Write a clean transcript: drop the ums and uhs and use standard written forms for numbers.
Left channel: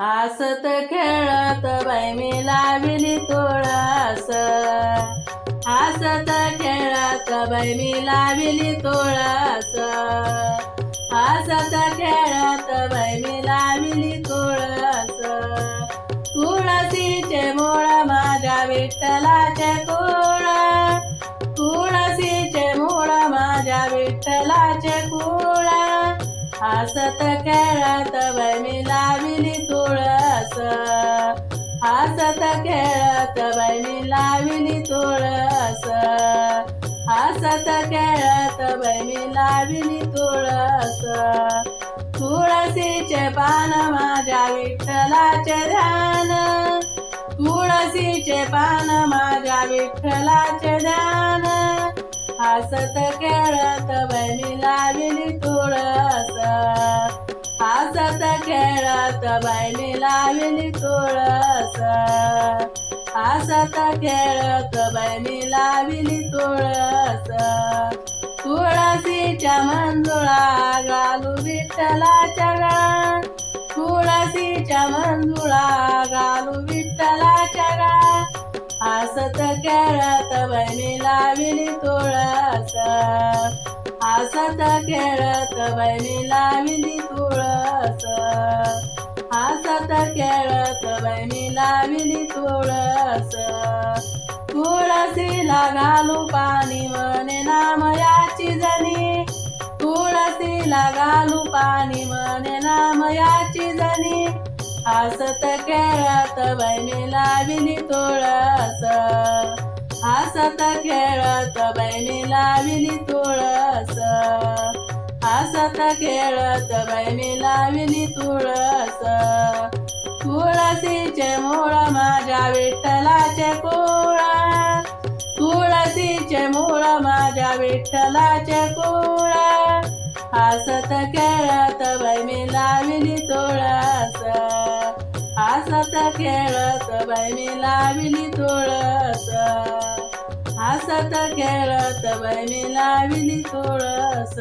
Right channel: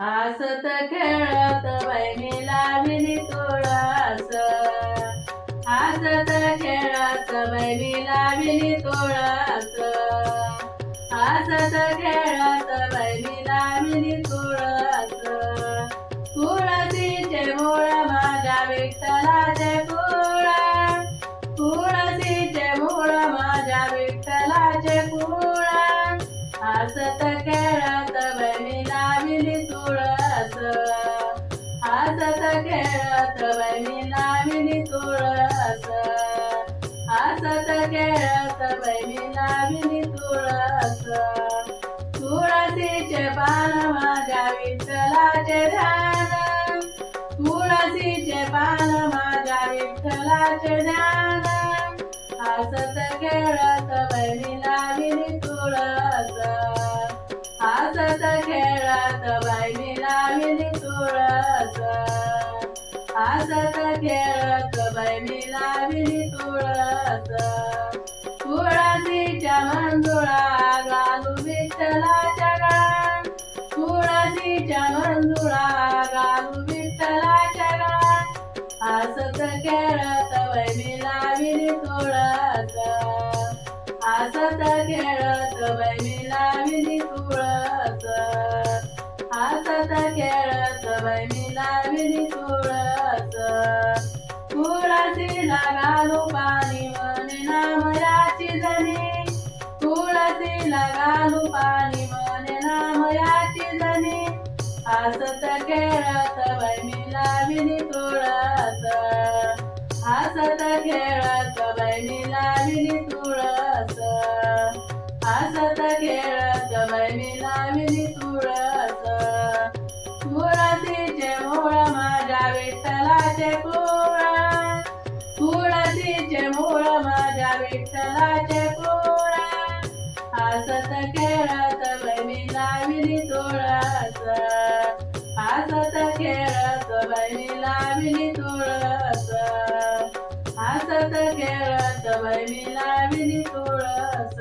हसत खेळत बाई मी लाविली तुळस, हसत खेळत बाई मी लाविली तुळस, हसत खेळत बाई मी लाविली तुळस. तुळसीचे मूळ माझ्या विठ्ठलाचे कुळ, तुळसीचे मूळ माझ्या विठ्ठलाचे कुळ. हसत खेळत बाई मी लाविली तुळस, हसत खेळत बाई मी लाविली तुळस, हसत खेळत बाई मी लाविली तुळस. तुळसीचे पान माझ्या विठ्ठलाचे ध्यान, तुळसीचे पान माझ्या विठ्ठलाचे ध्यान. हसत खेळत बाई मी लाविली तुळस, हसत खेळत बाई मी लाविली तुळस, हसत खेळत बाई मी लाविली तुळस. तुळसीच्या मंजुळा घालू विठ्ठलाच्या गळा, तुळसीच्या मंजुळा घालू विठ्ठलाच्या गळा. हसत खेळत बाई मी लाविली तुळस, हसत खेळत बाई मी लाविली तुळस, हसत खेळत बाई मी लाविली तुळस. तुळसीला घालू पाणी म्हणे नामयाची जनी, तुळसीला घालू पाणी म्हणे नामयाची जनी. हसत खेळत बाई मी लाविली तुळस, हसत खेळत बाई मी लाविली तुळस, हसत खेळत बाई मी लाविली तुळस. तुळसीचे मूळ माझ्या विठ्ठलाचे कुळ, तुळसीचे मूळ माझ्या विठ्ठलाचे कुळ. हसत खेळत बाई मी लाविली तुळस, हसत खेळत बाई मी लाविली तुळस, हसत खेळत बाई मी लाविली तुळस.